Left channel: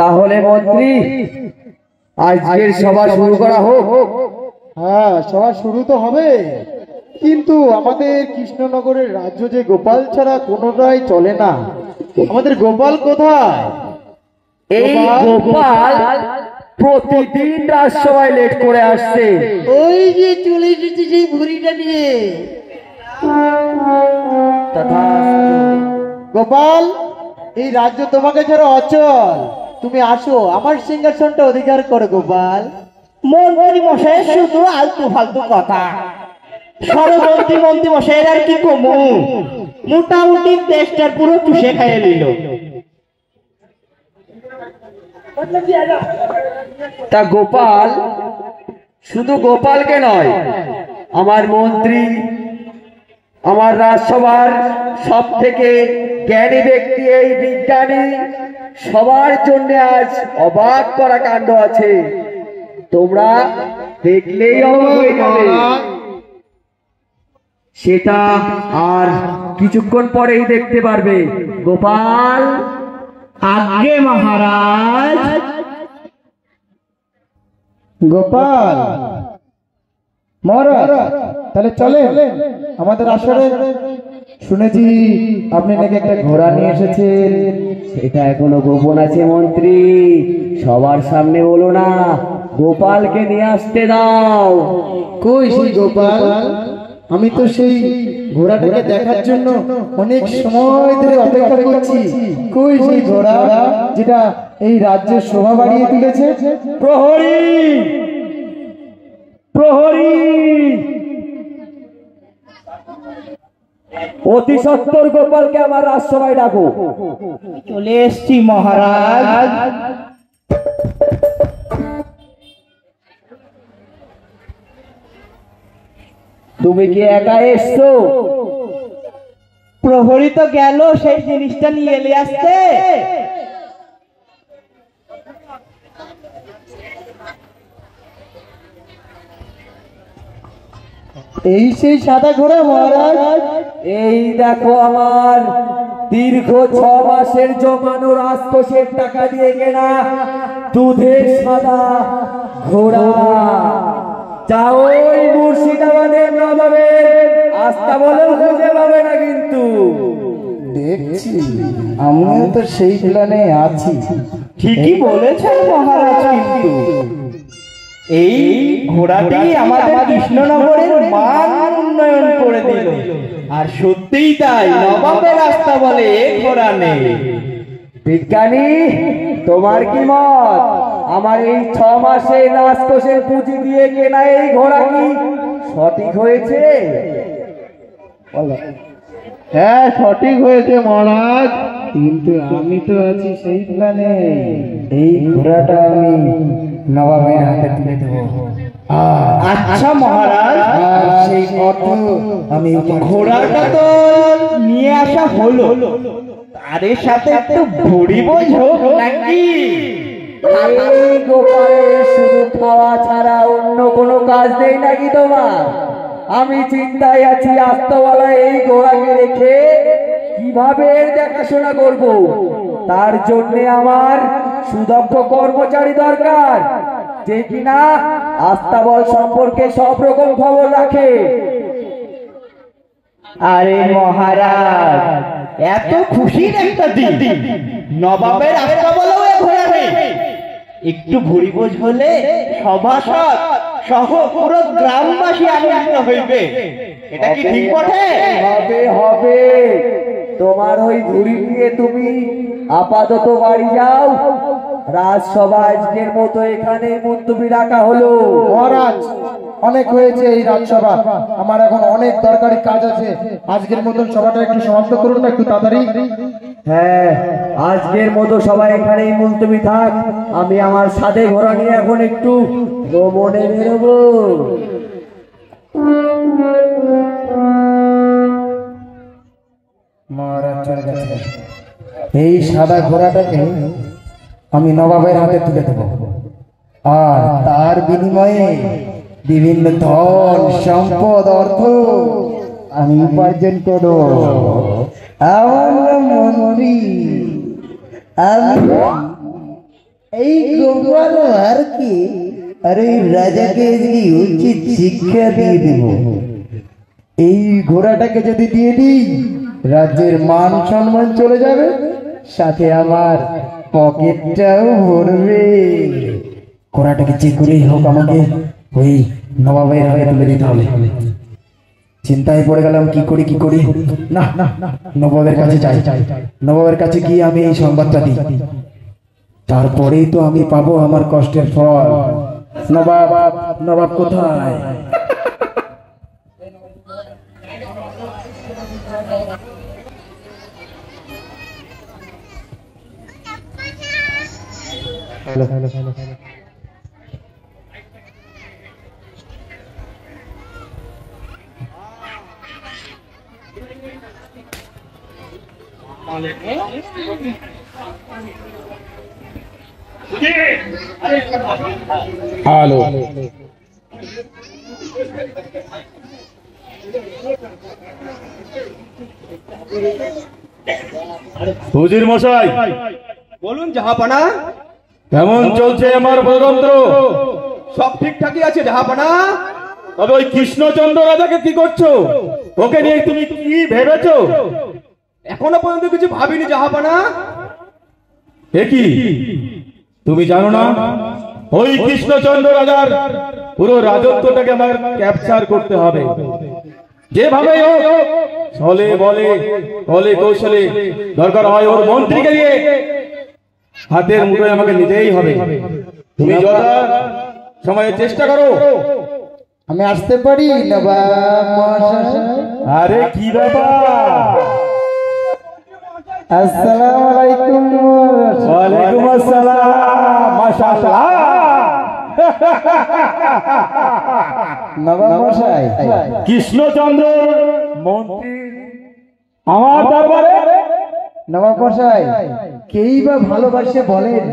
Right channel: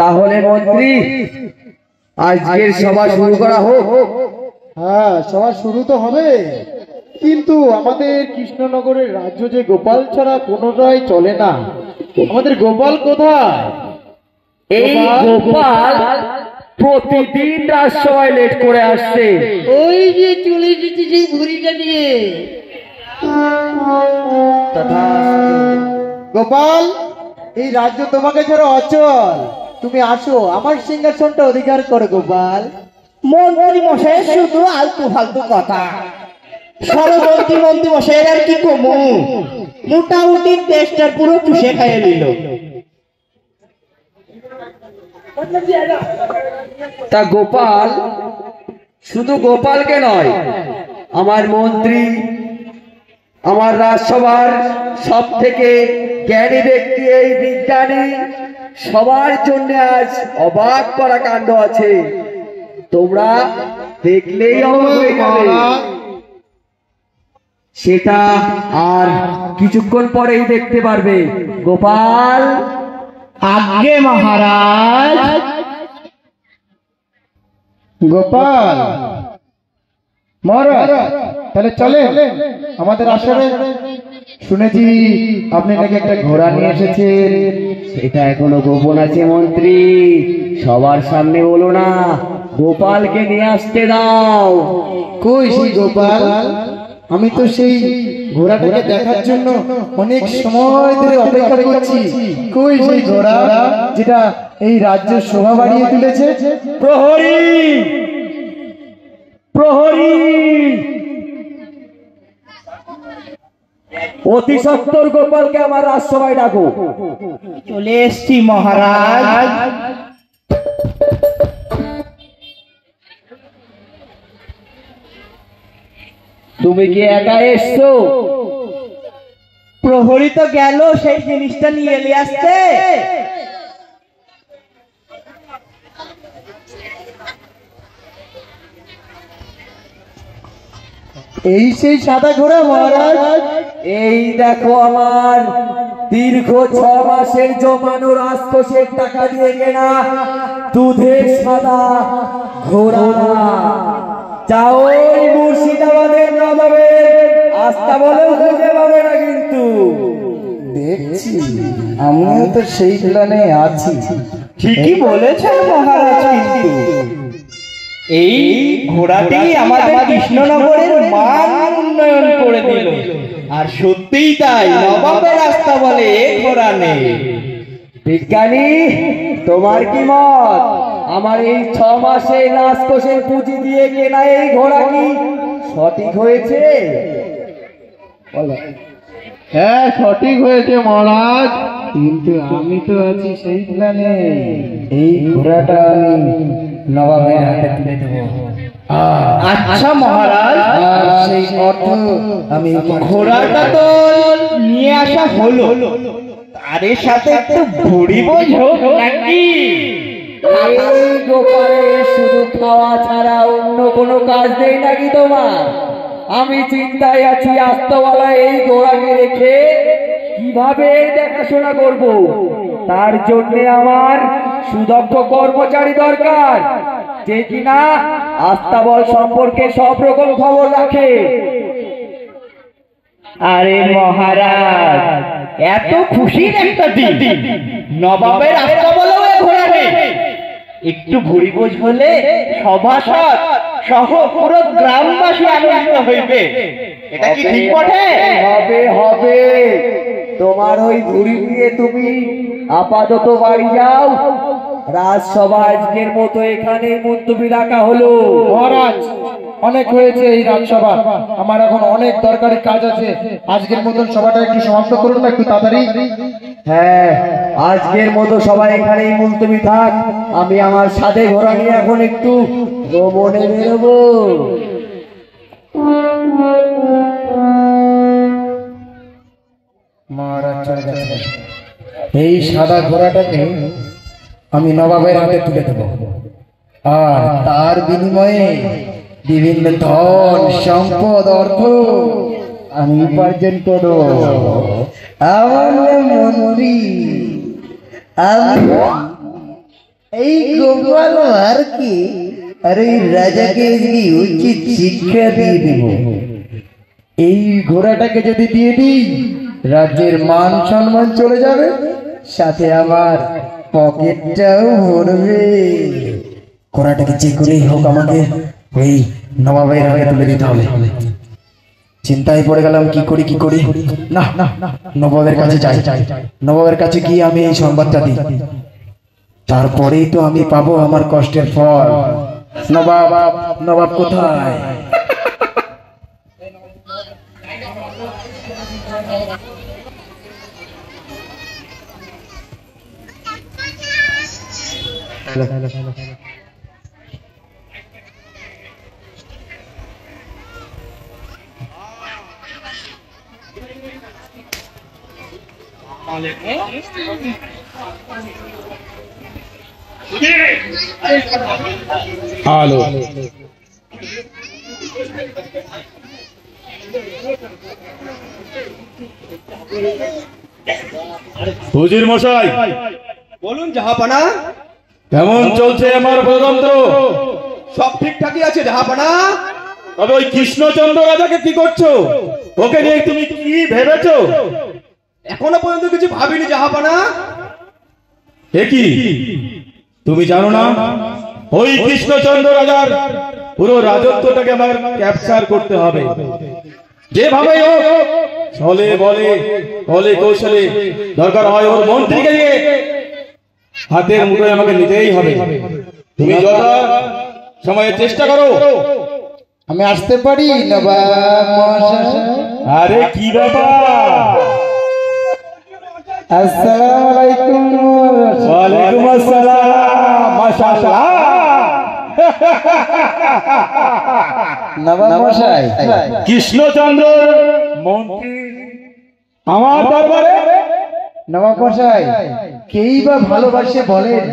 তাহলে মন্ত্রী আজকের সভা শুরু করা হোক। হ্যাঁ, সভা শুরু তো হবে, কিন্তু আমাদের কৃষ্ণনগরের রাজ্য যে গোপাল ছাড়া কোনোটাই চলে না। আমাদের গোপাল কোথায়? এই গোপাল প্রতিদিন রাজসভায় লেট করে আসছে। ওই যে চলে এসেছে সেই ভুড়িটা নিয়ে। গোপাল, এই রাজ্য তোমাকে ছাড়া অচল। তুমি আসো, আমার সিংহাসনটা অধিকার করো গোপাল। মন্ত্রী মশাই শুধু আলতু ফালতু কথা। সরমন্ত্রী মন্ত্রী মশাই আর কি কমু, মোটামুটি দেশটার পুরো চুষে খাইয়ে নিল। তা গোপাল, শুধু গোপালকে নয়, আমার মন্ত্রী, আমার রাজসভার সব থেকে জ্ঞানী ব্যক্তি, এই বিজ্ঞানী, সবার জন্য আজ অবাক করা কাণ্ড আছে। তোমরা দেখলেই অবাক হয়ে যাবে। সেটা আর কিছুক্ষণ পরেই দেখতে পারবে। গোপাল। আজ্ঞে মহারাজ। গোপাল মহারাজ, তাহলে চলে আমাদের আসরে। শুনেছি আপনি নাকি একটা ঘোড়া নিয়ে এসেছেন। এটা এখনো গোপন আছে মন্ত্রী, সবার সামনে বলো না। গোপালকে নিয়ে আসতে দাও। কই সেই গোপাল? আমি তো সেই ঘোড়াটাকে দেখার জন্য অনেক সময় ধরে অপেক্ষা করছি। কই সেই ঘোড়া যেটা এই রাজ্যের শোভা বাড়িয়ে তুলেছে? প্রহরী, প্রহরী, অতি সত্বর গোপালকে আমার রাজসভায় ডাকো। চলে এসছি মহারাজ। তুমি কি একা এসছো? প্রহরী তো গেল সেই জিনিসটা নিয়ে এলে আসতে। এই সেই সাদা ঘোড়া মহারাজ। এই দেখো আমার দীর্ঘ 6 মাসের জমানো রাজকোষের টাকা দিয়ে কেনা দুধের সাদা ঘোড়া। যাও ওই মুর্শিদাবাদের নবাবের আস্তাবলেও খুঁজে পাবে না। কিন্তু দেখছি আমিও তো সেই প্ল্যানে আছি। ঠিকই বলেছেন মহারাজ, কিন্তু এই ঘোড়াটি আমাদের কৃষ্ণনগরের মান উন্নয়ন করে দিল। আর সত্যিই তাই, নবাবের রাস্তা বলে ঘোড়া নেই। বিজ্ঞানী, তোমার কি মত? আমার এই 6 মাসে রাজকোষের পুঁজি দিয়ে কেনা এই ঘোড়া কি সঠিক হয়েছে? হ্যাঁ, সঠিক হয়েছে মহারাজ, কিন্তু আমি তো আছি সেই প্ল্যানে। এই ঘোড়াটা আমি নবাবের হাতে তুলে দেবো। আচ্ছা মহারাজ, সেই অর্থ আমি ঘোড়াটা তো নিয়ে আসা হলো, তার সাথে একটু ভুড়ি বোঝো নাকি? এই গোপালের শুধু খাওয়া ছাড়া অন্য কোনো কাজ নেই নাকি তোমার? আমি চিন্তায় আছি, আস্তওয়ালা এই ঘোড়াকে রেখে কিভাবে এর দেখাশোনা করব, তার জন্য আমার সুদক্ষ কর্মচারী দরকার, যে কিনা আস্তাবল সম্পর্কে সব রকম খবর রাখে। আরে মহারাজ, এত খুশির একটা দিন, নবাবের আস্থা বলেও এ ঘোড়া নেই। একটু ভুরি বোঝ হলে সভাসদ সহ পুরো গ্রামবাসী আনন্দিত হইবে। এটা কি ঠিক বটে? হবে হবে, তোমার ওই ঘুড়ি দিয়ে তুমি আপাতত বাড়ি যাও। রাজসভা আজকের মতো এখানে মুলতবি রাখা হলো। মহারাজ, অনেক হয়েছে এই রাজসভা, আমার এখন অনেক দরকারি কাজ আছে। আজকের মতন সভাটা একটু সমাপ্ত করুন না, একটু তাড়াতাড়ি। হ্যাঁ, আজকের মতো সবাই এখানেই মুলতবি থাক। আমি আমার সাথে ঘোড়া নিয়ে এখন একটু ভ্রমণে বেরোবো। মহারাজ চলে গেছে। এই সাদা ঘোড়াটাকে আমি নবাবের হাতে তুলে দেব, আর তার বিনিময়ে বিভিন্ন ধন সম্পদ অর্থ আমি উপার্জন করব। আমার মন্ত্রী, আমি এই গোপাল ভাঁড়কে আর এই রাজাকে উচিত শিক্ষা দিয়ে দেব। এই ঘোড়াটাকে যদি দিয়ে দিই, রাজ্যের মান সম্মান চলে যাবে, সাথে আমার পকেটটাও ভরবে। ঘোড়াটাকে যে করেই হোক আমাকে ওই নবাবের হাতে তুলে দিতে হবে। চিন্তায় পড়ে গেলাম, কি করি। না, নবাবের কাছে যাই। নবাবের কাছে গিয়ে আমি এই সংবাদটা দিই, তারপরেই তো আমি পাবো আমার কষ্টের ফল। নবাব কোথায়? হ্যালো, হুজুর মশাই, বলুন জাহাপানা। কেমন চলছে আমার প্রতন্ত্র? সব ঠিকঠাকই আছে জাহাপানা। তবে ওই কৃষ্ণচন্দ্র রাজাকে কি করছো? ওকে নিয়ে তুমি কি ভেবেছো? এখনো পর্যন্ত কিছু ভাবিনি জাহাপানা। এ কি, তুমি জানো না ওই কৃষ্ণচন্দ্র রাজার পুরো রাজত্বটাকে আমার ক্যাপচার করতে হবে। যেভাবে হোক, ছলে বলে কলে কৌশলে, দরকার হয় ওর মন্ত্রীকে দিয়ে হাতের মুঠোয় আমাকে নিতেই হবে। তুমি যত সময়ের চেষ্টা করো। আমি আসতে পারি নবাব মহাশয়? আরে কি ব্যাপার? আসসালামু আলাইকুম। ওয়ালাইকুম আসসালাম। মাশাআল্লাহ। নবাব মহাশয়, কৃষ্ণচন্দ্র মন্ত্রী আমার দরবারে? নবাব মহাশয়, কেই বা ভালোবাসে বলেন?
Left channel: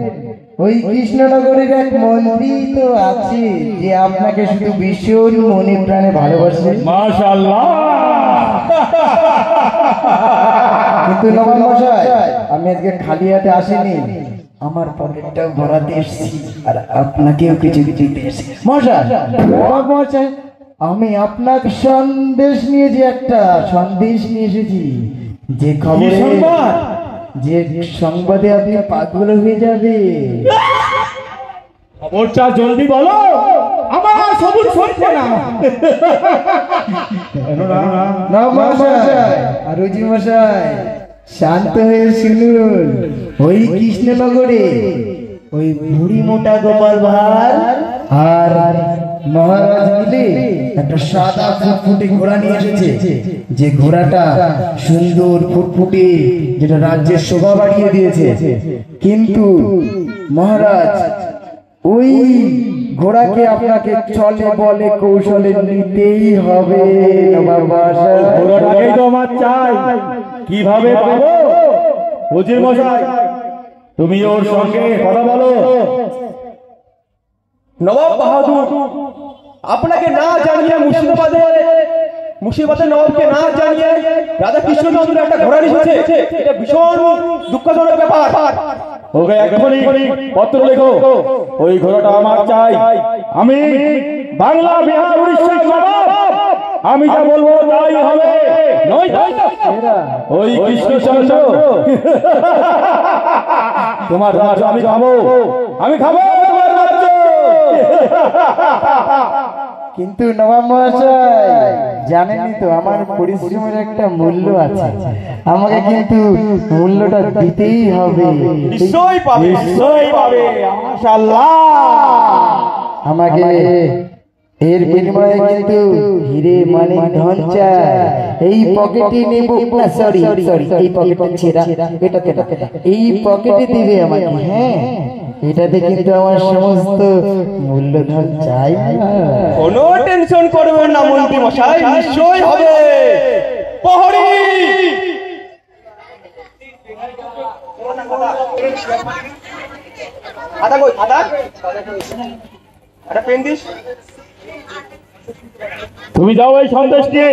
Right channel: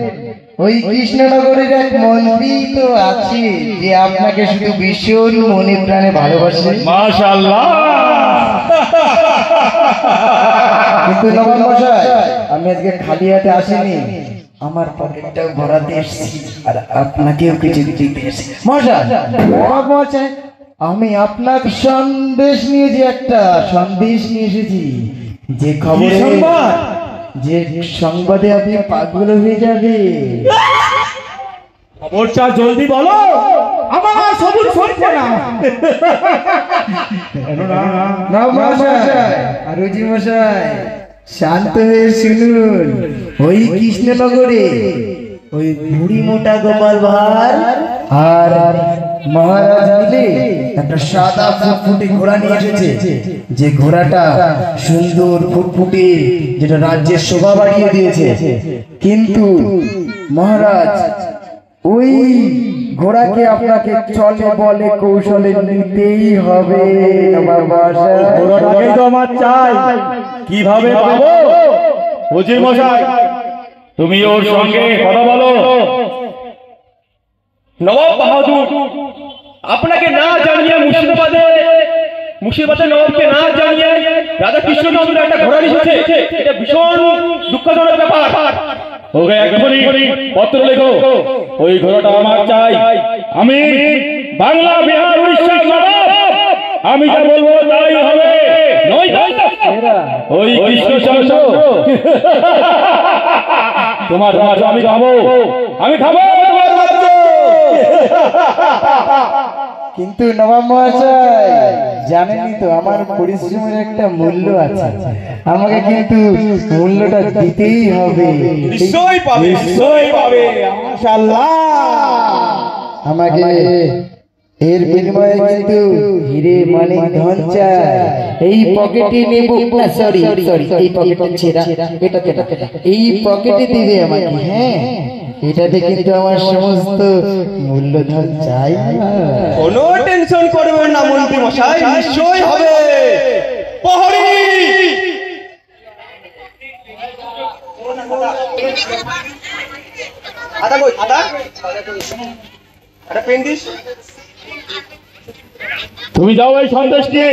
ওই কৃষ্ণনগরের এক মন্ত্রী তো আছে যে আপনাকে শুধু ভীষণ মনে প্রাণে ভালোবাসে। মাশাআল্লাহ। কিন্তু নবাব মহাশয়, আমি আজকে খালি হাতে আসিনি, আমার পকেটটাও ভরাতে এসেছি, আর আপনাকেও কিছু দিতে এসেছি। মহাশয়, নবাব মহাশয়, আমি আপনার সন্দেশ নিয়েছি, একটা সন্দেশ নিয়ে এসেছি, যে খবরে, যে সংবাদে আপনি পাগল হয়ে যাবে। খবরটা জলদি বলো, আমার সবুজ শুনছে না। নবাব মহাশয় আর রুজি মশাই, শান্ত হয়ে শুনুন। ওই কৃষ্ণনগরে ওই বুড়ি মোটা গোপাল ভাঁড় আর মহারাজ মিলে একটা সাদা ফুটফুটে ঘোড়া নিয়ে এসেছে, যে ঘোড়াটা সুন্দর ফুটফুটে, যেটা রাজ্যের শোভা বাড়িয়ে দিয়েছে। কিন্তু মহারাজ, ওই ঘোড়াকে আপনাকে চলে বলে কৌশলে নিতেই হবে। নবাব মহাশয়, ঘোড়াটাকেই তো আমার চাই। কিভাবে পাবো? হুজুর মশাই, তুমি ওর সঙ্গে কথা বলো। নবাব বাহাদুর, আপনাকে না জানিয়ে মুর্শিদাবাদে নবাবকে না জানিয়ে রাজা কৃষ্ণচন্দ্র একটা ঘোড়া এসেছে, এটা ভীষণ দুঃখজনক ব্যাপার। ওকে এখনই পত্র লেখো, ওই ঘোড়াটা আমার চাই। আমি বাংলা, বিহার, উড়িষ্যার নবাব, আমি যা বলবো তাই হবে। ওই কৃষ্ণচন্দ্র তোমার রাজ্য আমি খাবো, আমি খাবো তোমার রাজ্য। কিন্তু নবাব মহাশয়, জানেনই তো আমার পরিশ্রমের একটা মূল্য আছে, আমাকে কিন্তু মূল্যটা দিতেই হবে। নিশ্চয়ই পাবে, নিশ্চয়ই পাবে, মাশাআল্লাহ। আমাকে এর বিনিময়ে কিন্তু হিরে মানিক ধন চাই। এই পকেটে নেব না, সরি এই পকেটে ছেঁড়া, এটা এই পকেটে দিবে আমাকে। হ্যাঁ, এটাতে কিন্তু আমার সমস্ত মূল্যধন চাই। কোনো টেনশন করবেন না মন্ত্রী মশাই, নিশ্চয়ই হবে। প্রহরী, খাতা কই, খাতা একটা পেন দিস। তুমি যাও এই সন্দেশ নিয়ে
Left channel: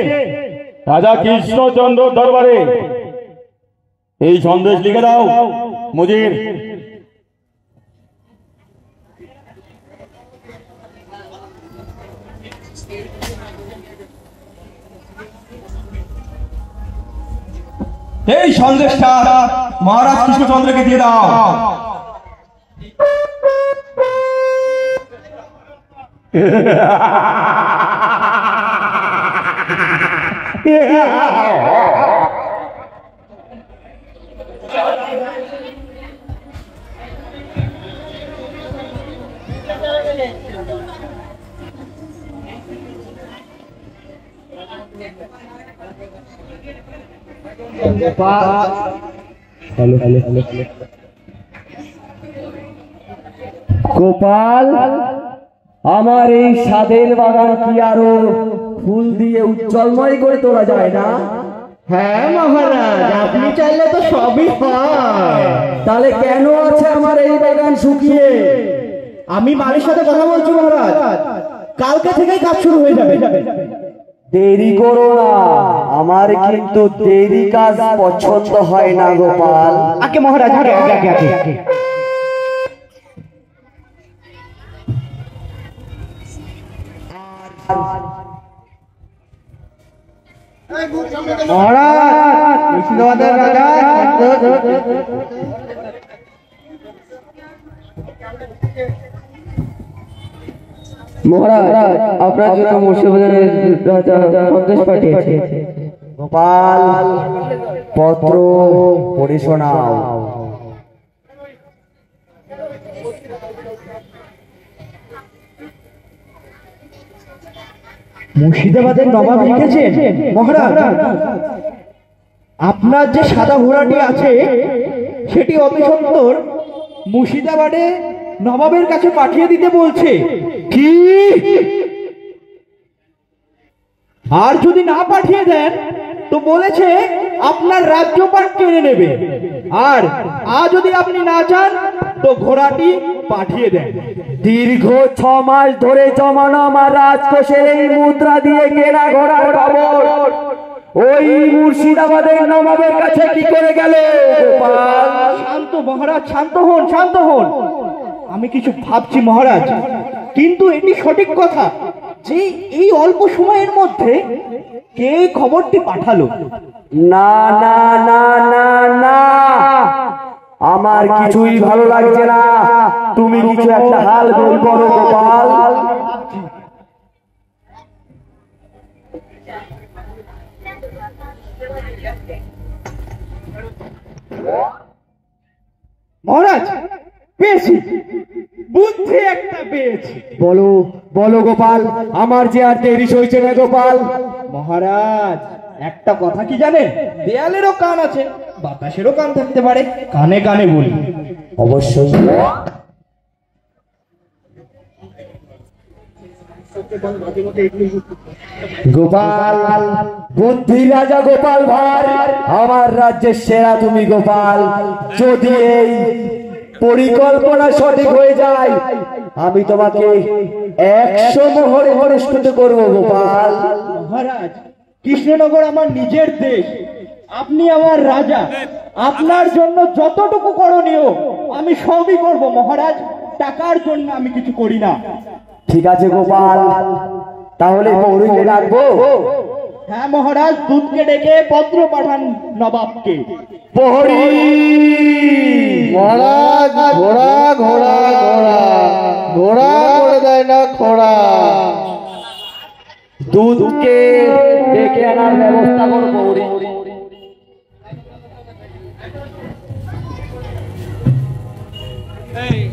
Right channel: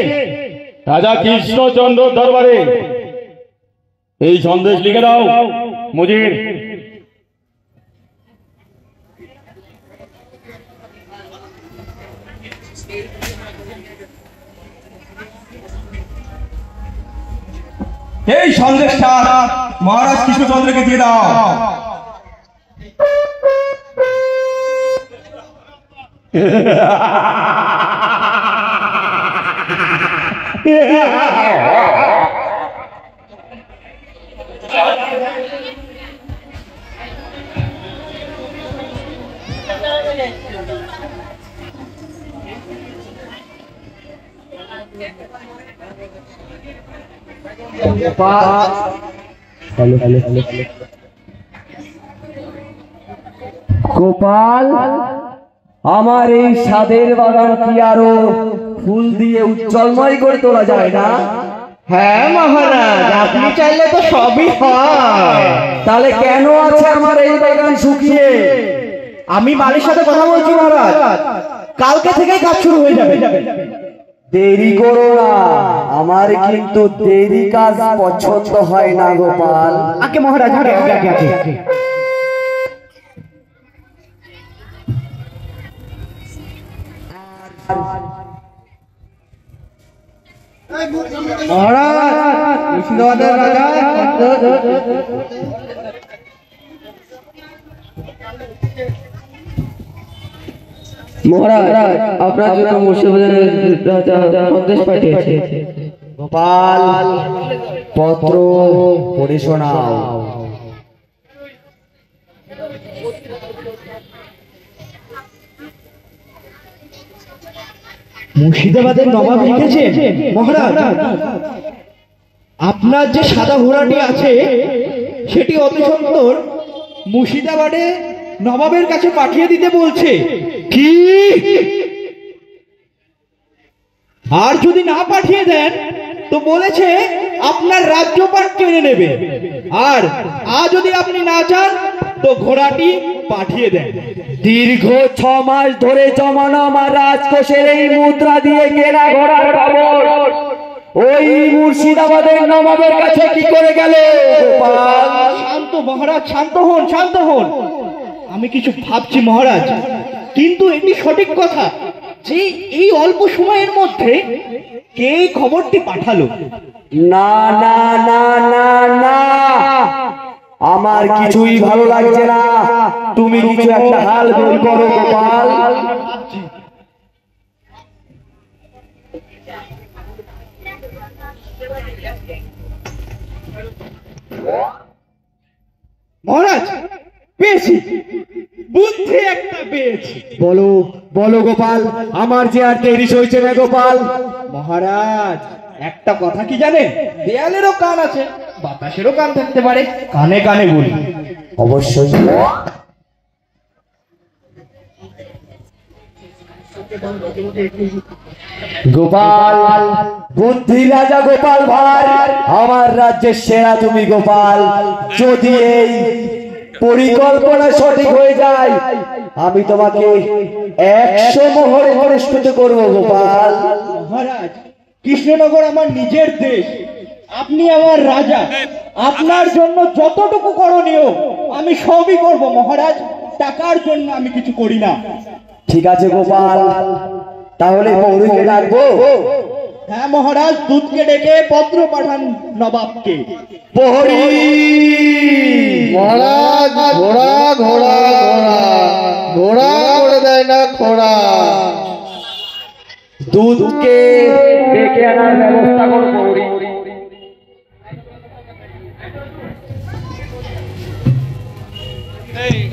রাজা কৃষ্ণচন্দ্র দরবারে, এই সন্দেশ লিখে দাও মুজির। এই সন্দেশটা মহারাজ কৃষ্ণচন্দ্রকে দিয়ে দাও। গোপাল, আমার এই সাদের বাগান কি আরো ফুল দিয়ে উজ্জ্বলময় করে তোলা যায় না? হ্যাঁ মহারাজ, আপনি চাইলে তো সবই হয়। তাহলে কেন আছে আমার এই বাগান শুকিয়ে? আমি বাড়ির সাথে কথা বলছি মহারাজ, কালকে থেকেই কাজ শুরু হয়ে যাবে। দেরি করো না, আমার কিন্তু দেরি কাজ পছন্দ হয় না গোপাল। আগে মহারাজ, আগে আগে আগে আগে মহারাজ, মুর্শিদাবাদের রাজা মহারাজ, আপনার জন্য মুর্শিদাবাদের রাজা সন্দেশ পাঠিয়েছে। গোপাল, পত্র পড়ে শোনাও। মুর্শিদাবাদের নবাব লিখেছে মহারাজ, আপনার যে সাদা ঘোড়াটি আছে সেটি অতি সত্বর মুর্শিদাবাদে নবাবের কাছে পাঠিয়ে দিতে বলছে। কি? আর যদি না পাঠিয়ে দেন তো বলেছে আপনার রাজ্যপাট কেড়ে নেবে, আর যদি আপনি না চান তো ঘোড়াটি পাঠিয়ে দেন। দীর্ঘ 6 মাস ধরে জমানো আমার রাজকোষের এই মুদ্রা দিয়ে কেনা ঘোড়ার খবর ওই মুর্শিদাবাদের নবাবের কাছে কি করে গেল? গোপাল, শান্ত মহারাজ, শান্ত হন, শান্ত হন। আমি কিছু ভাবছি মহারাজ, কিন্তু এটি সঠিক কথা যে এই অল্প সময়ের মধ্যে কে খবরটি পাঠালো। না না না না না, আমার কিছুই ভালো লাগছে না। তুমি কিছু একটা হাল বের করো গোপাল। মহারাজ, পেয়েছি, বুদ্ধি একটা পেয়েছি। বলো বলো গোপাল, আমার যে আর দেরি সইছে না গোপাল। মহারাজ, একটা কথা কি জানেন, দেয়ালেরও কান আছে, বাতাসেরও কান থাকতে পারে, কানে কানে বলি। অবশ্যই। গোপাল, বুদ্ধি রাজা গোপাল ভাই, আমার রাজ্যের সেরা তুমি গোপাল। যদি এই পরিকল্পনা সঠিক হয়ে যায় আমি তোমাকে 100 মোহরে পুরস্কৃত করবো গোপাল। মহারাজ, কৃষ্ণনগর আমার নিজের দেশ, আপনি আমার রাজা, আপনার জন্য যতটুকু করণীয় আমি সবই করব মহারাজ। টাকার জন্য আমি কিছু করি না। ঠিক আছে গোপাল, তাহলে পৌরীকে ডাকবো। হ্যাঁ মহারাজ, দুধকে ডেকে পত্র পাঠান নবাবকে। প্রহরী, মহারাজ ঘোড়া ঘোড়া ঘোড়া ঘোড়া করে দেয় না খোড়া। দুধকে ডেকে আনার ব্যবস্থা করো প্রহরী।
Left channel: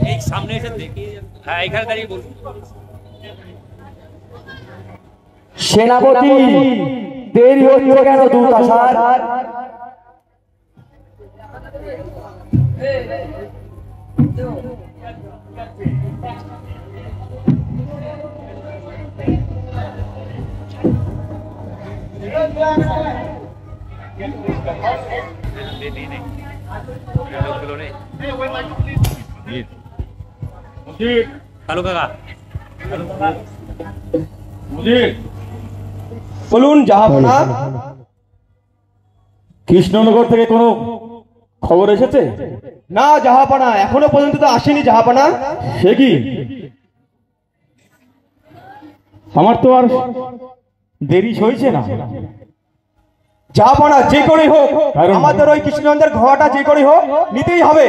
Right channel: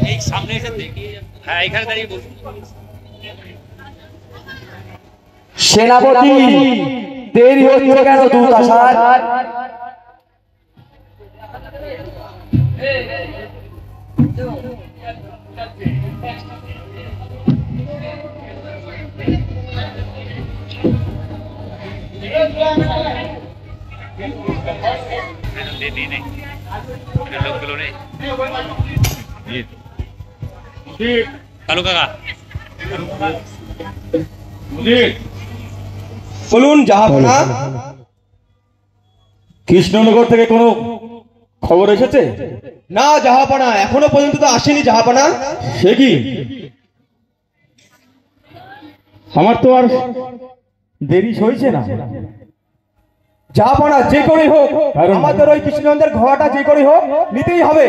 এই সামনে এসে দেখি। হ্যাঁ এখানে দাঁড়িয়ে বলুন। সেনাপতি, দেরি হচ্ছে কেন দুধ আসার? লোকগুলো নেই। কালু কাকা বলুন জাহাপনা। কৃষ্ণনগর থেকে কোনো খবর এসেছে? না জাহাপনা, এখনো পর্যন্ত তো আসেনি জাহাপনা। সে কি? আমার তো আর দেরি হয়েছে না। জাহাপনা, যে করেই হোক কারণ- আমাদের ওই কৃষ্ণচন্দ্রের ঘোড়াটা যে করেই হোক নিতেই হবে।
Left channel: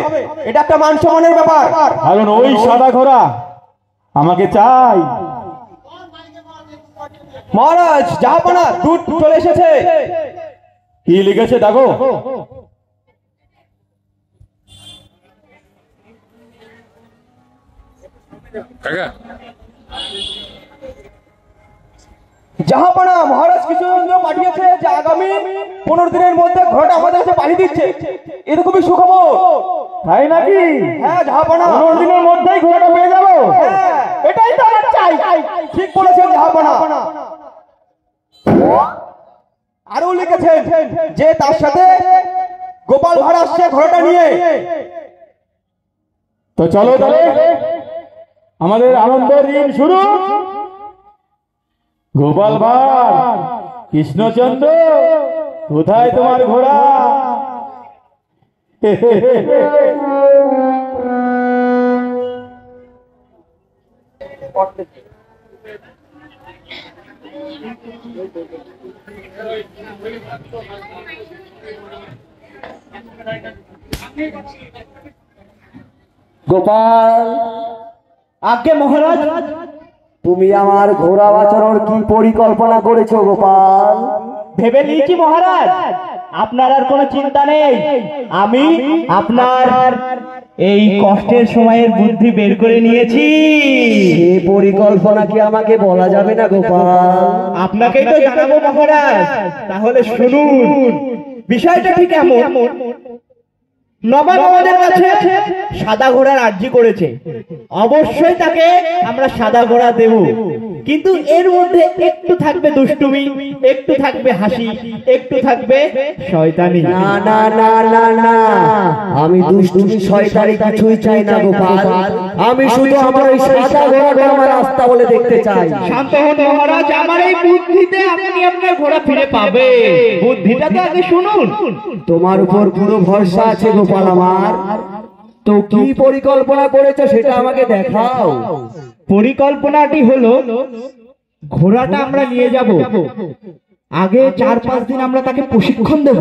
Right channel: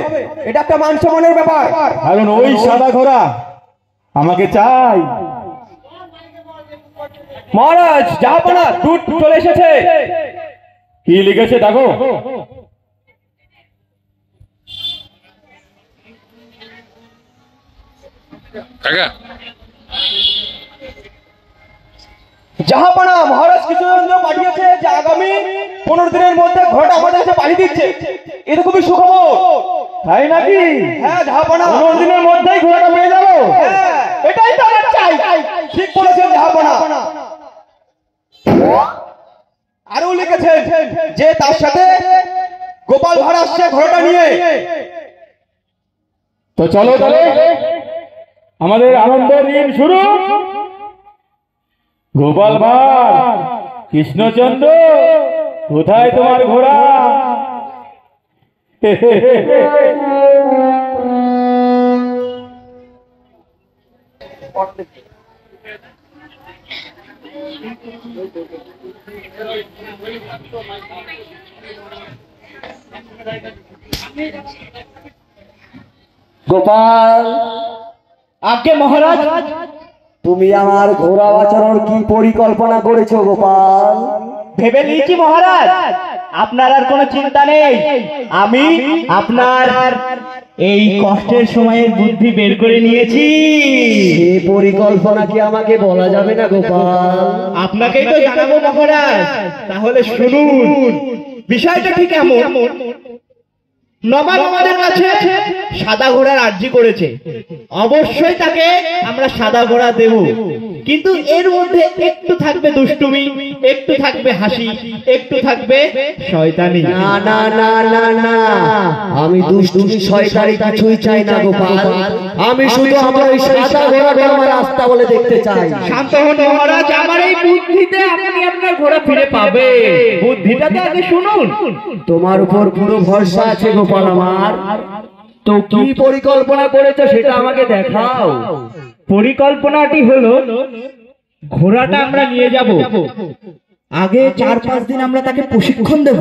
এটা একটা মান সম্মানের ব্যাপার। কারণ ওই সাদা ঘোড়া আমাকে চাই। মহারাজ, জাহাপনা, দুধ চলে এসেছে। কি লিখেছে দেখো। কাকা জাহাপনা, মহারাজ কৃষ্ণচন্দ্র পাঠিয়েছে যে আগামী 15 দিনের মধ্যে ঘোড়াটা আমাদের কাছে পাঠিয়ে দিচ্ছে। এটা খুবই সুখবর। তাই নাকি? হ্যাঁ জাহাপনা, 15 দিনের মধ্যেই ঘোড়াটা পেয়ে যাবো। হ্যাঁ, এটাই তো আমার চাই। ঠিক বলেছেন জাহাপনা। আরো লিখেছেন যে তার সাথে গোপাল ভাঁড় আসছে ঘোড়াটা নিয়ে। তো চলো তাহলে আমাদের আনন্দ দিন শুরু। গোপাল ভাঁড়, কৃষ্ণচন্দ্র, কোথায় তোমার ঘোড়া? গোপাল, আগে মহারাজ, তুমি আমার ঘোড়া বাঁচানোর কি পরিকল্পনা করেছো গোপাল? ভেবে নিয়েছি মহারাজ, আপনার আর কোনো চিন্তা নেই। আমি আপনার এই কষ্টের সময়ের বুদ্ধি বের করে নিয়েছি। এই পরিকল্পনা কি আমাকে বলা যাবে না গোপাল? আপনাকেই তো জানাবো মহারাজ। তাহলে শুনুন, বিষয়টা ঠিক এমন। নবাব আমাদের কাছে সাদা ঘোড়ার আর্জি করেছে, অবশ্যই তাকে আমরা সাদা ঘোড়া দেব। কিন্তু এর মধ্যে একটু থাকবে দুষ্টুমি, একটু থাকবে হাসি, একটু থাকবে শয়তানি। না না না না না, আমি দুষ্টুমি শয়তানি কিছুই চাই না গোপাল। আমি শুধু আমার ওই সাদা ঘোড়াটা আমার রাস্তা বলে দেখতে চাই। শান্ত হন মহারাজ, আমার এই বুদ্ধিতে আপনি আপনার ঘোড়া ফিরে পাবে। বুদ্ধিটা তো আগে শুনুন। তোমার উপর পুরো ভরসা আছে গোপাল আমার। তো কি পরিকল্পনা করেছো সেটা আমাকে দেখাও। পরিকল্পনাটি হলো, ঘোড়াটা আমরা নিয়ে যাব, আগে 4-5 দিন আমরা তাকে প্রশিক্ষণ দেব।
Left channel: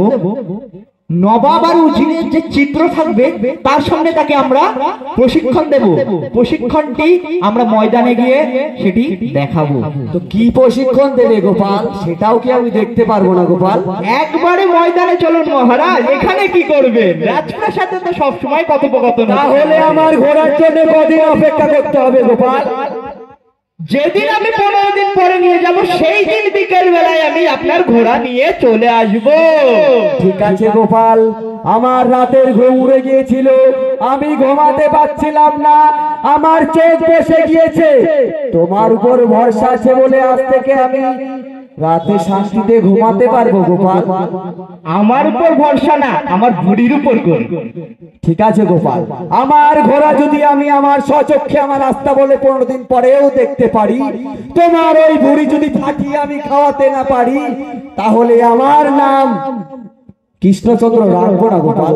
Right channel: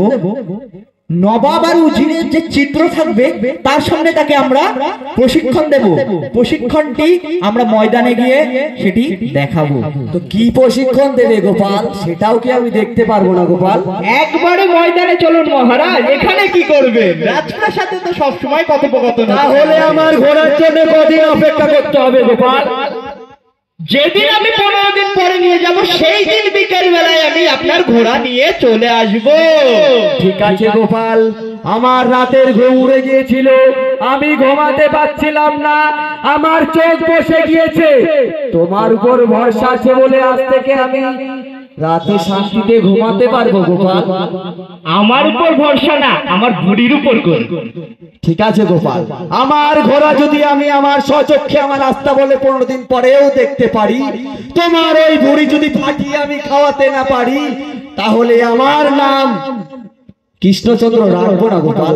নবাব আর উজিরের যে চিত্র থাকবে তার সামনে তাকে আমরা প্রশিক্ষণ দেব। প্রশিক্ষণটি আমরা ময়দানে গিয়ে সেটি দেখাবো। তো কি প্রশিক্ষণ দেবে গোপাল, সেটাও কি আমি দেখতে পারবো না গোপাল? একবারে ময়দানে চলুন মহারাজ। এখানে কি করবেন? রাজপ্রাসাদে তো সবসময় কথোপকথন। তাহলে আমার ঘোড়ার জন্য কদিন অপেক্ষা করতে হবে গোপাল? যেদিন আমি 15 দিন পরে নিয়ে যাব সেই দিন বিকেল বেলায় আমি আপনার ঘোড়া নিয়ে চলে আসব। ঠিক আছে গোপাল, আমার রাতের ঘুম উড়ে গিয়েছিল, আমি ঘুমাতে পারছিলাম না, আমার চোখ বসে গিয়েছে। তোমার উপর ভরসা আছে বলে আজ থেকে আমি রাতে শান্তিতে ঘুমাতে পারবো গোপাল। আমার উপর ভরসা না, আমার বুড়ির উপর করুন। ঠিক আছে গোপাল, আমার ঘোড়া যদি আমি আমার স্বচক্ষে আমার রাস্তা বলে 15 দিন পরেও দেখতে পারি, তোমার ওই বুড়ি যদি ফাটিয়ে আমি খাওয়াতে না পারি, তাহলে আমার নাম কৃষ্ণচন্দ্র রাখবো না গোপাল।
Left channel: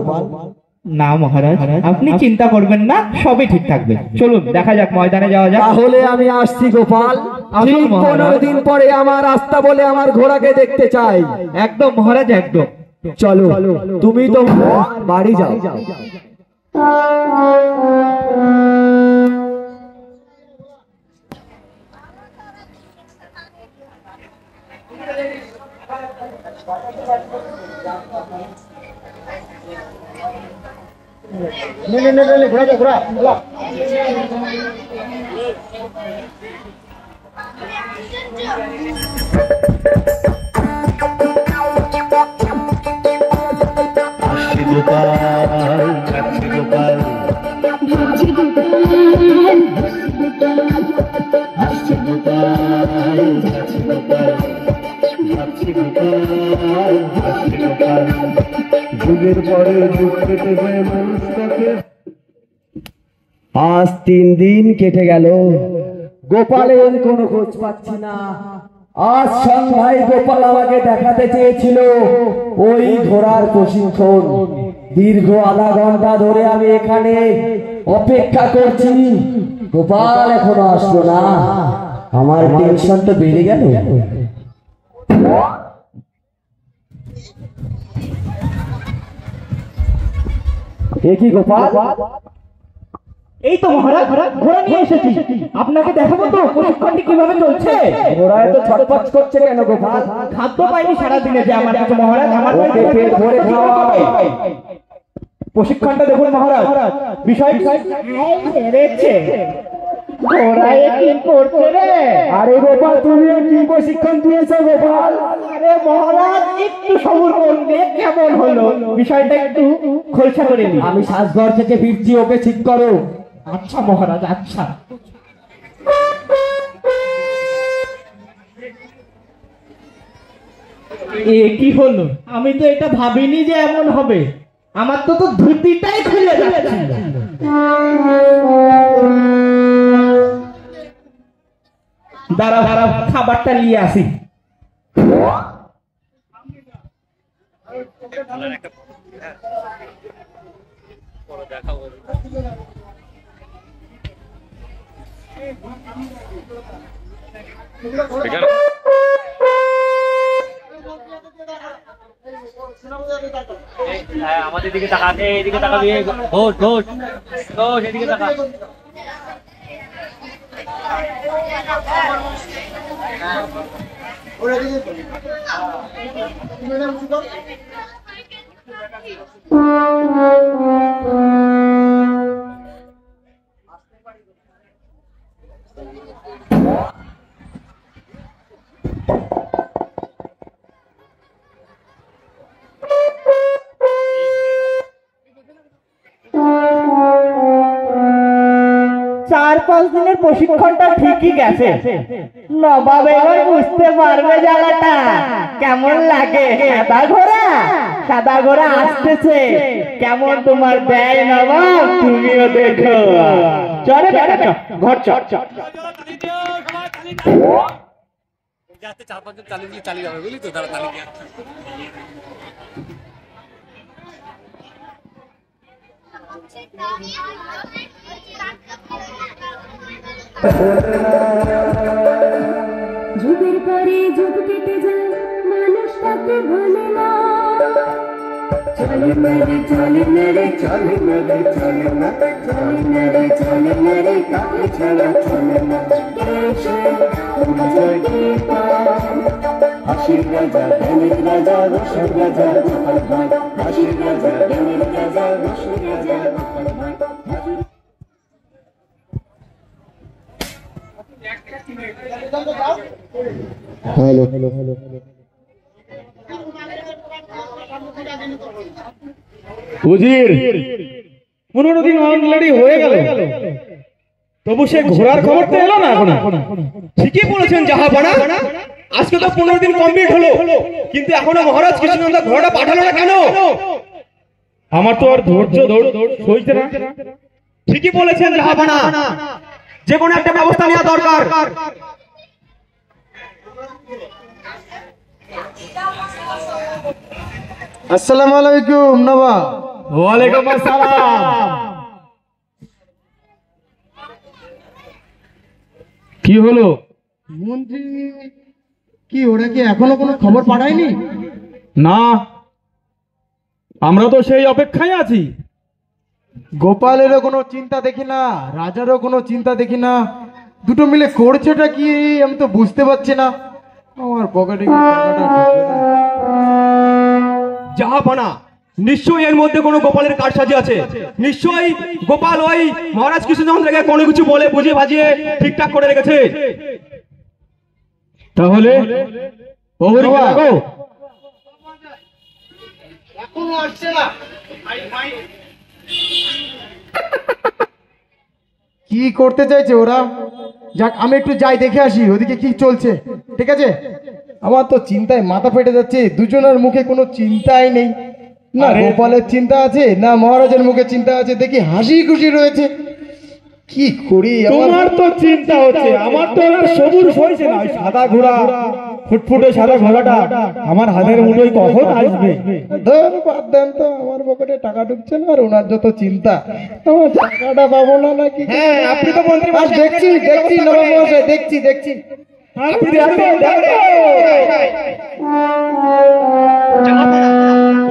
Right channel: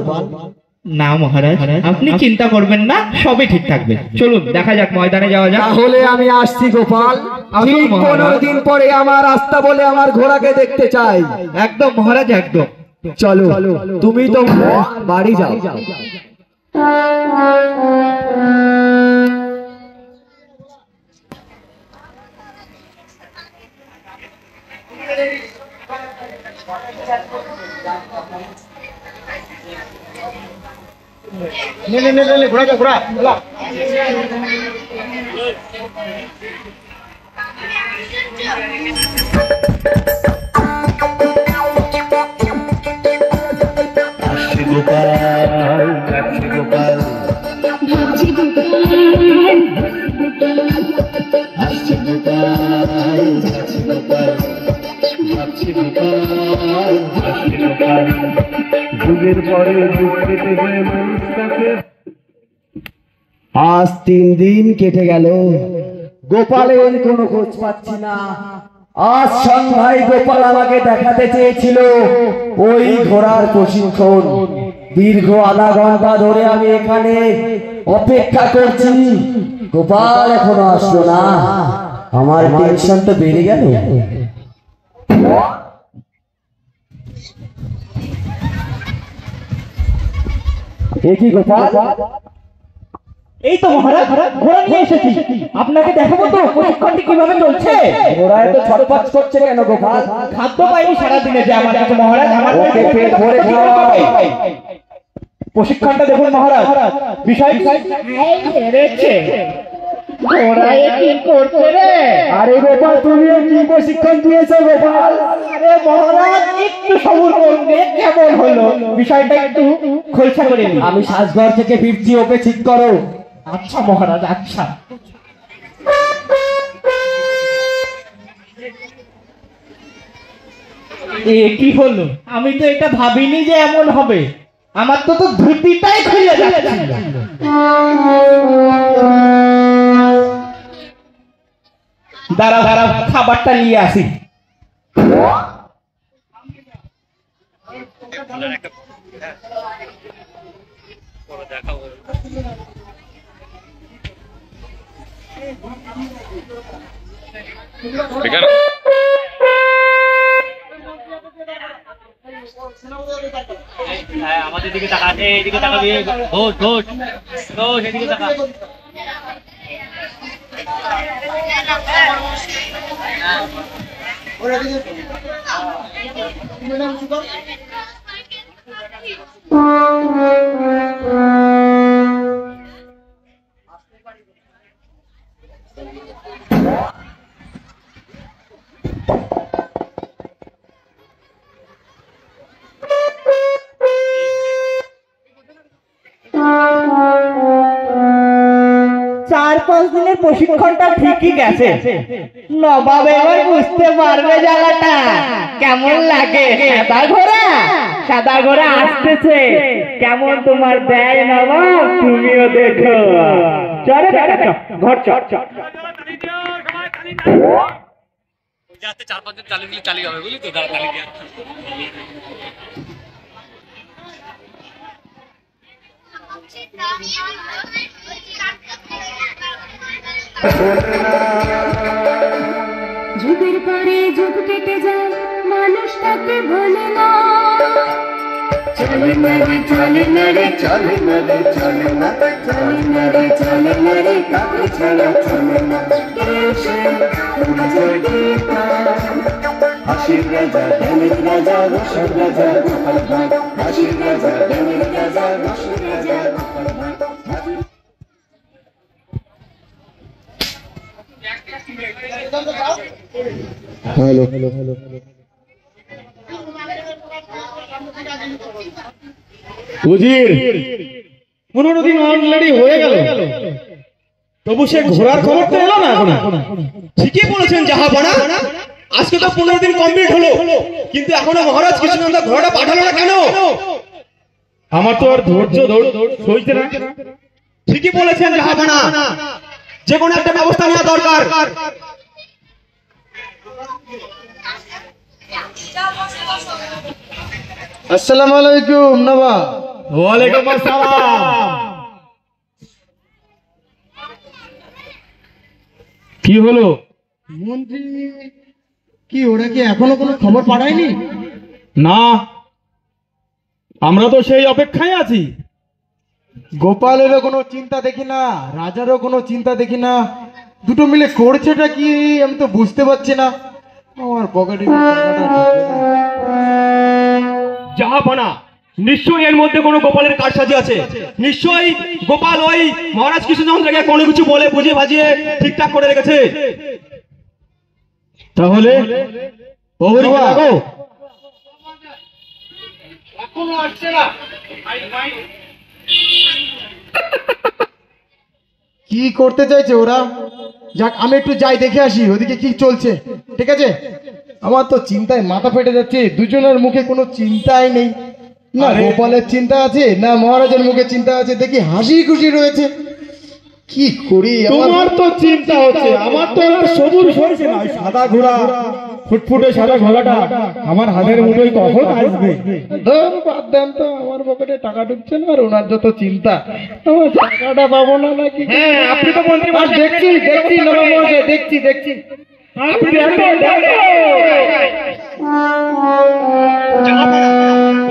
না মহারাজ, আপনি চিন্তা করবেন না, সবই ঠিক থাকবে। চলুন দেখা যাক, ময়দানে যাওয়া যাক। তাহলে আমি আসছি গোপাল। আমি আসুন মহারাজ। 15 দিন পরে আমার রাস্তা বলে আমার ঘোড়াকে দেখতে চাই। একদম মহারাজ, একদম। চলো, তুমি তো বাড়ি যাও। যুগের পরে যুগ কেটে যায় মানুষটাকে। আজ 3 দিন কেটে গেল, গোপালের কোনো খোঁজ পাচ্ছি না। আজ সন্ধ্যায় গোপাল আমাকে দেখাতে চেয়েছিল ওই ঘোড়ার প্রশিক্ষণ। দীর্ঘ আধা ঘন্টা ধরে আমি এখানে অপেক্ষা করছি, গোপাল এখনো আসলো না। আমার টেনশন তো বেড়ে গেল। এ কি গোপাল? এই তো মহারাজ, ঘোড়া নিয়ে এসেছি, আপনাকে দেখাবো তো প্রশিক্ষণটি কিভাবে চলছে। ঘোড়ায় তো ছটপট করছে কেন গোপাল? খাদ্য পাইনি সারাদিনে যে আমার কাছে মহারাজ। আমার ওকে পেট ভরে খাওয়াও। প্রশিক্ষণটা দেখুন মহারাজ, বিষয় দেখছে ঘোড়ায় কি করছে রে। আরে গোপাল, তুমি কি প্রশিক্ষণ দিয়েছো গোপাল? আরে মহারাজ, একটু সবুর করুন, কেমন হলো বিষয়টা একটু খোলসা করে নিন। আমি সাজঘর থেকে ফিরছি, ওকে ঠিক করো। আচ্ছা মহারাজ, আচ্ছা। এ কি হলো? আমি তো এটা ভাবিনি যে এমন হবে। আমার তো ধুতিটাই খুলে যাচ্ছে। দাঁড়াও দাঁড়াও, খাবারটা নিয়ে আসি। দেখাও আমাদের দিকে তাকা, এইদিকে তাকাবি। ঘোষ ঘোষ ঘোষ, এদিকে তাকা। চার 5 দিনের প্রশিক্ষণটা ঠিকই গেছে। নবাব এবার বুঝতে পারবে জ্বালাটা কেমন লাগে। সাদা ঘোড়া আসতেছে, কেমন তোমার দেয় নবাব, তুমিও দেখো। চলো ঘর চল। যাতে 4-5 দিন চালিয়ে দিলে চালিয়ে যাবে, বুঝলি তো? তারা চালিয়ে দিয়ে যুগের পরে যুগ কেটে যায়, মানুষ তাকে ভোলে না। চলে না রে, চলে না রে, চলে না রে, চলে না, চলে না রে, চলে না রে, কাকে ছাড়া চলে না। হাসির রাজা, জ্ঞানের রাজা, রসের রাজা, গোপাল ভাঁড়। হাসির রাজা, জ্ঞানের রাজা, রসের রাজা, গোপাল ভাঁড়। হ্যালো, উজির 15 দিন অলরেডি হয়ে গেল, তবু সে ঘোড়ার খবর তো এলো না এখনো। ঠিকই বলেছেন জাহাপনা, আজকে তো 15 দিন কমপ্লিট হলো, কিন্তু এখনো মহারাজ কৃষ্ণনন্দা ঘোড়াটা পাঠালো না কেন? আমার তো আর ধৈর্য সইতে না। ঠিকই বলেছেন জাহাপনা, যে কোনো একটা ব্যবস্থা নেওয়া দরকার। আসসালামু আলাইকুম নবাব। ওয়ালাইকুম আসসালাম। কি হলো? মন্ত্রী কি ওরা কি এখনো কোনো খবর পাঠায়নি? না, আমরা তো সেই অপেক্ষায় আছি। গোপালেরও কোনো চিন্তা দেখি না, রাজারও কোনো চিন্তা দেখি না, দুটো মিলে করছেটা কি আমি তো বুঝতে পারছি না। আমার পকেটে কি টাকাটা ঢুকবে না। জাহাপানা, নিশ্চয়ই এর মধ্যে কোনো গোপালের কারসাজি আছে। নিশ্চয়ই গোপাল ওই মহারাজ কৃষ্ণচন্দ্রকে কোনো কিছু বলে বুঝিয়ে ভাজিয়ে ঠিকঠাক করে রেখেছে। তাহলে প্রহরী ডাকো। কি করতে চাইছে ওরা? যাক আমি একটু যাই দেখে আসি ওদিকে কি চলছে। ঠিক আছে, আমার তো চিন্তায় মাথা ফেটে যাচ্ছে। দুজনের মুখে কোনো চিন্তাই নেই, না গোপালের চিন্তা আছে না মহারাজের মুখে চিন্তা আছে। দেখি হাসি খুশি রয়েছে। কি করি? তোমার তো চিন্তা হচ্ছে, আমার তো সবুজ হয়েছে না। ওই সাদা ঘোড়া, ফুটফুটে সাদা ঘোড়াটা আমার হাতের মুঠোয় কখন আসবে? ধর বাদ দেন তো, আমার পকেটে টাকা ঢুকছে না আর ওনার যত চিন্তা। আমার টাকাটা পাবো না নাকি? হ্যাঁ, আপনি তো মন্ত্রী আর দেখছি দেখছি নবাব মহাশয়, দেখছি দেখছি। আপনি দেখো, দেখো।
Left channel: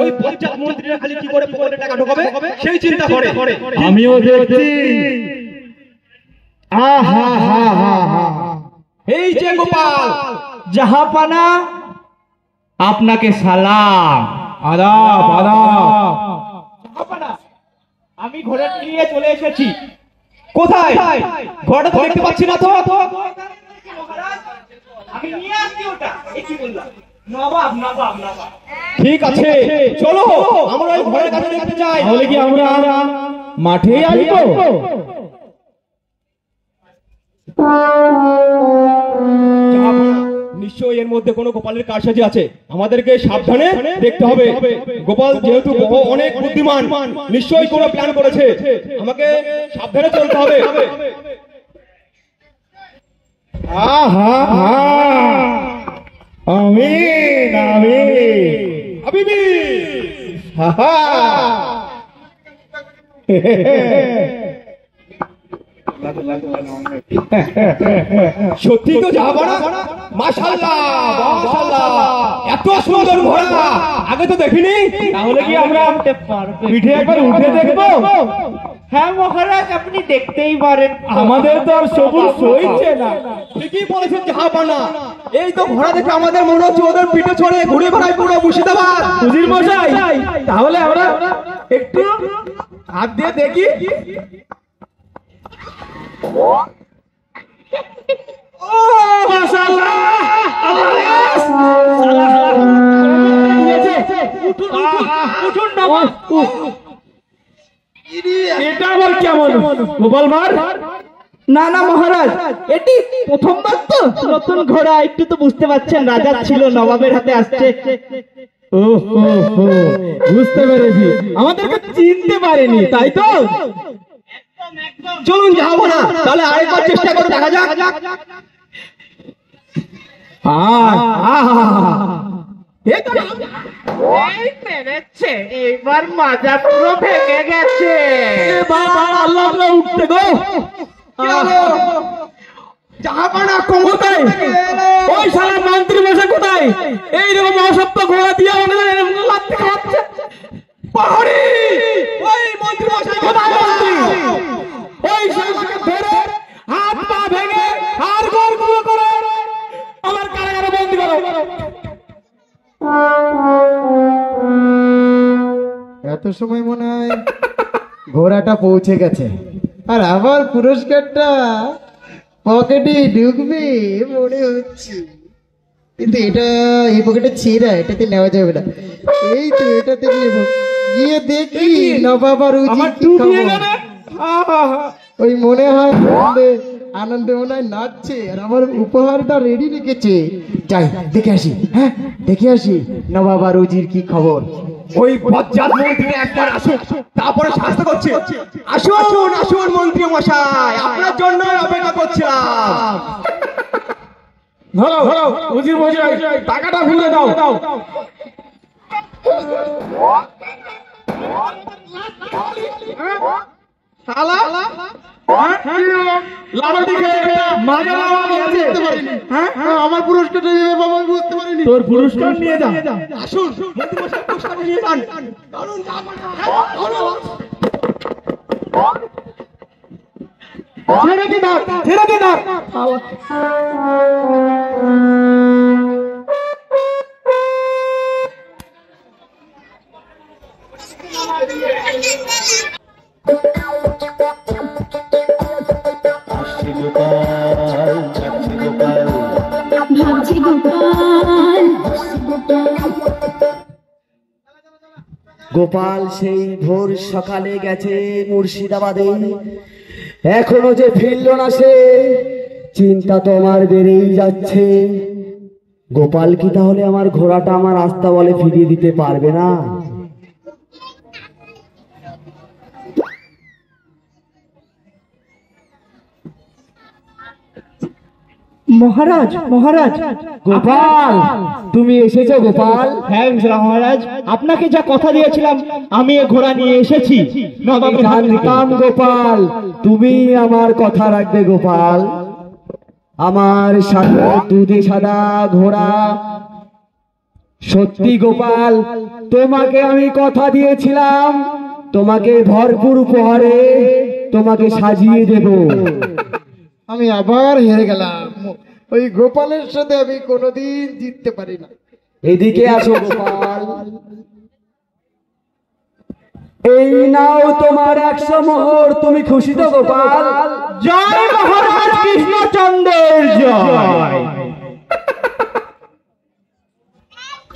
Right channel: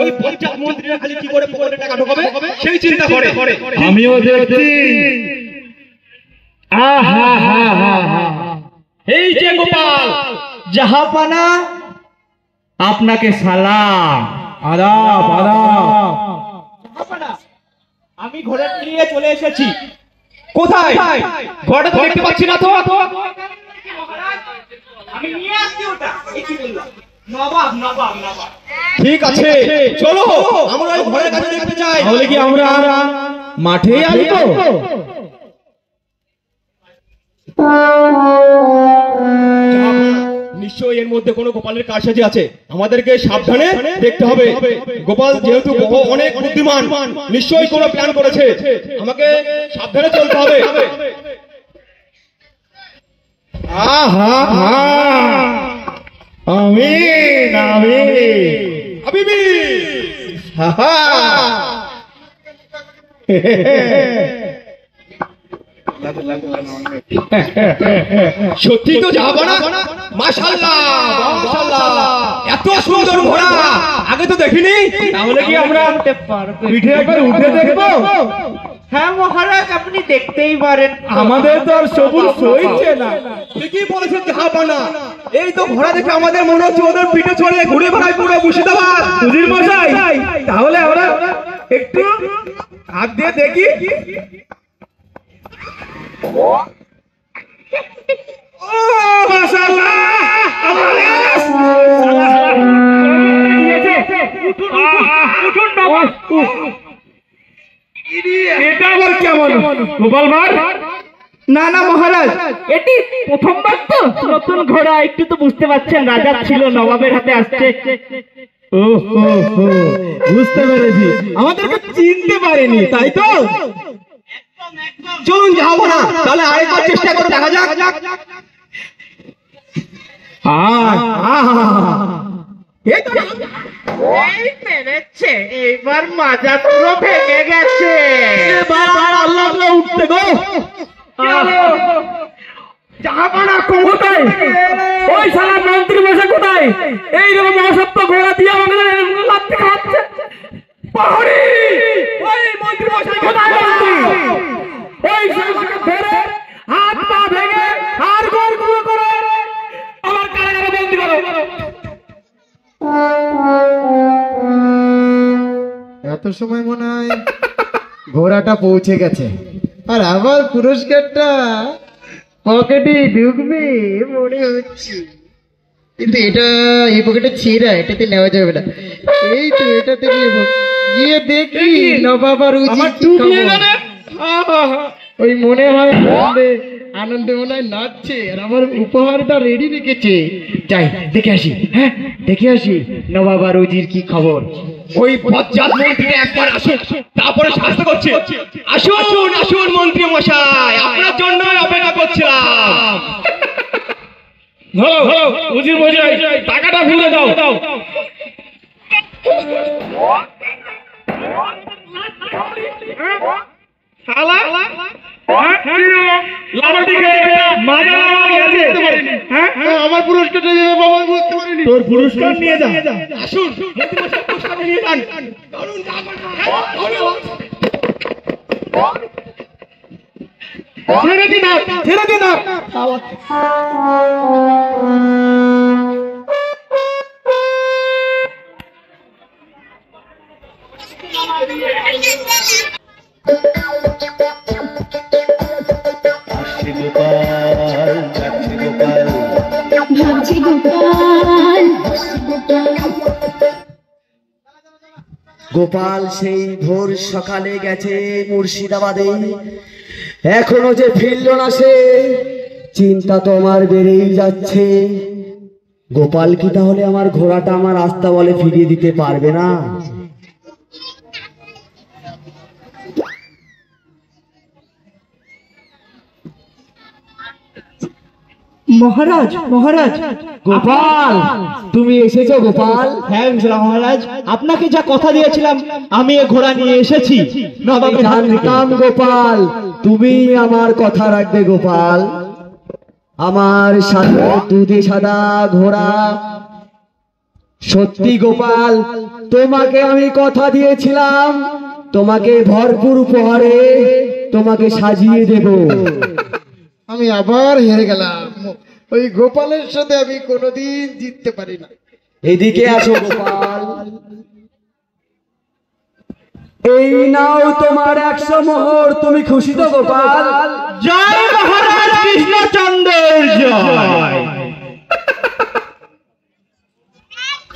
ওই পঞ্চায়েত মন্ত্রীরা খালি কি করে পকেটে টাকা ঢোকাবে সেই চিন্তা করে। আমিও দেখছি। আহা হা হা হা। এই যে গোপাল, জাহাপানা, আপনাকে সালাম। আদাব আদাব। আমি ঘোড়া নিয়ে চলে এসেছি। কোথায়? ঘোড়াটা তো দেখতে পাচ্ছি না তো। আমি নিয়ে আসছি ওটা। এই কি বললাম? নবাব নবাব নবাব। ঠিক আছে, চলো আমরা ওই ঘোড়ার কাছে দেখতে চাই। তাহলে কি আমরা মাঠেই আসবো? নিশ্চয়ই এর মধ্যে কোনো গোপালের কারসাজি আছে। আমাদেরকে সাবধানে দেখতে হবে। গোপাল যেহেতু অনেক বুদ্ধিমান, নিশ্চয়ই কোনো প্ল্যান করেছে। আমাকে সাবধানে চলতে হবে। আহা হা, আমিন আমিন। হাবিবি, হা হা। সত্যি তো যাবো না? মাশাআল্লাহ মাশাআল্লাহ, এত সুন্দর ঘোড়া আগে তো দেখিনি। তাহলে কি আমরা পিঠে একবার উঠে দেখবো? হ্যাঁ মহারাজ, আপনি দেখতেই পারেন। আমাদের তো আর সবুজ সইছে না। ঠিকই বলেছেন জাহাপানা, এই তো ঘোড়া দেখে আমাদের মনে হচ্ছে ওদের পিঠে চড়ে ঘুরে বেড়ায় পুরো মুর্শিদাবাদ। উজির মশাই, তাহলে আমরা একটু হাত দিয়ে দেখি। ও মাশাআল্লাহ, উঠুন বাবা। এটা আবার কেমন গোপাল ভার? না না মহারাজ, এটি প্রথমবার তো নতুন ঘোড়া, একটু তো বুঝতে পারছেন রাজার ছিল, নবাবের হাতে আসছে। ও হো হো, বুঝতে পেরেছি। আমাদেরকে চিনতে পারেনি, তাই তো? চলুন যাবো না, তাহলে আরেকবার চেষ্টা করে দেখা যাক। এই মেরেছে, এবার মাজা পুরো ভেঙে গেছে। আল্লাহ উঠতে গো। কোথায় ওই সারা মন্ত্রী বসে? কোথায় এইরকম অসভ্য ঘোড়া দিয়ে আমাদের লাথি খাওয়াচ্ছে? পাহাড়ি ওই মন্ত্রী বসে কোথায়? মন্ত্রী ওই সারাকে ধরে হাত পা ভেঙে আর গোল গুলো করে আমার কারাগারে বন্দী করো। এত সময় মনে হয় ঘোড়াটা পৌঁছে গেছে, আর আমার পুরস্কারটা পকেটে ঢুকবে মনে হচ্ছে। কিন্তু এটা এই পকেটে ছেঁড়া, এটাতে নেওয়া যাবে না। এই তো এটাতে নেব। গিয়ে দেখি নবাব আর উজির কি খবর। ওই মনে হয় আনন্দে মনে হয় নাচছে, আর আমার উপহারটা রেডি রেখেছে। যাই দেখে আসি। হ্যাঁ দেখে আসি নবাব আর উজির কি খবর। ওই বজ্জাত মন্ত্রী একবার আসুন, তারপরে শাস্তি করছি। আসুন আসুন মন্ত্রী মশাই, আপনার জন্য অপেক্ষা করছিলাম। ধরো ধরো উজির মশাই, টাকাটা ফিরে দাও। আমার পুরস্কারটা দিবে বাবা, বুঝতে পারিনি। তোর পুরস্কার নিয়ে যা। আসুন। ছেড়ে দিন, ছেড়ে দিন। ভাবছি গোপাল, গোপাল সেই ভোর সকালে গেছে মুর্শিদাবাদে, এখনো যে ফিরল না সে, চিন্তা তো আমার বেড়েই যাচ্ছে। গোপাল কি তাহলে আমার ঘোড়াটা আমার রাস্তা বলে ফিরিয়ে দিতে পারবে না? মহারাজ, মহারাজ, গোপাল, তুমি এসেছো গোপাল? হ্যাঁ মহারাজ, আপনাকে যা কথা দিয়েছিলাম আমি এ ঘোড়া নিয়ে এসেছি। আমি জানতাম গোপাল তুমি আমার কথা রাখবে গোপাল। আমার সাথে দুধে সাদা ঘোড়া, সত্যি গোপাল তোমাকে আমি কথা দিয়েছিলাম, তোমাকে ভরপুর উপহারে তোমাকে সাজিয়ে দেব। আমি আবার হেরে গেলাম। ওই গোপালের সাথে আমি কোনোদিন জিততে পারি না। এদিকে আসো গোপাল, এই নাও তোমার 100 মোহর। তুমি খুশি তো গোপাল? জয় মহারাজ কৃষ্ণচন্দ্রের জয়।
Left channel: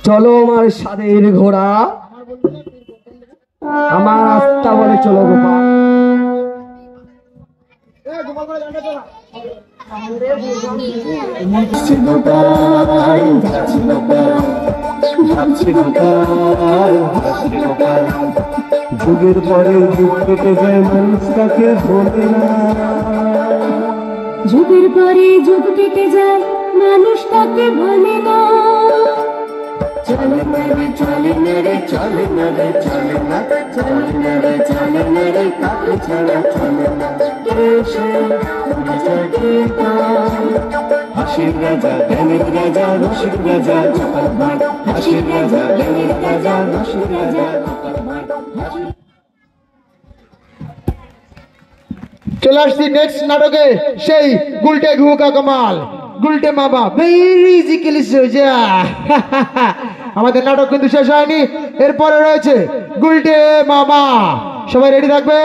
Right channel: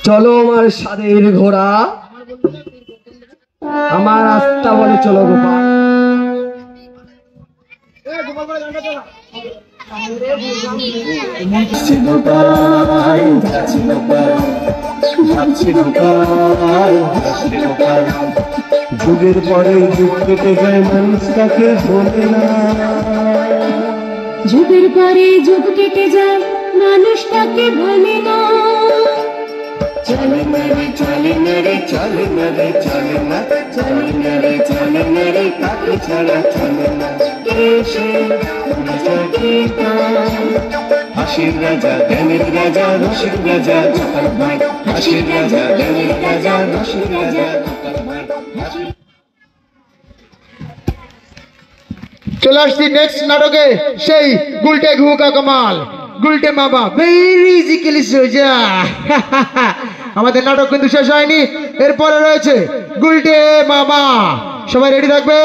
চলো আমার স্বাদের ঘোড়া, আমার রাস্তা বলে চলো গোপাল। যুগের পরে যুগ কেটে যায়, মানুষ তাকে ভোলে না। যুগের পরে যুগ কেটে যায়, মানুষ তাকে ভোলে না। চলে না রে, চলে না রে, চলে না রে, চলে না, চলে না রে, চলে না রে, তাকে ছাড়া চলে না। কে সে হাসির রাজা, জ্ঞানের রাজা, রসিক রাজা গোপাল ভাই। হাসির রাজা, জ্ঞানের রাজা, রসিক রাজা গোপাল ভাই। চলে আসছি নেক্সট নাটকে, সেই গুলটে ঘুকা কামাল, গুলটে মামা ভেরি ইজিক্যালি সোজা। আমাদের নাটক কিন্তু শেষ হয়নি, এরপরে রয়েছে গুলটে মামা। সবাই রেডি থাকবে।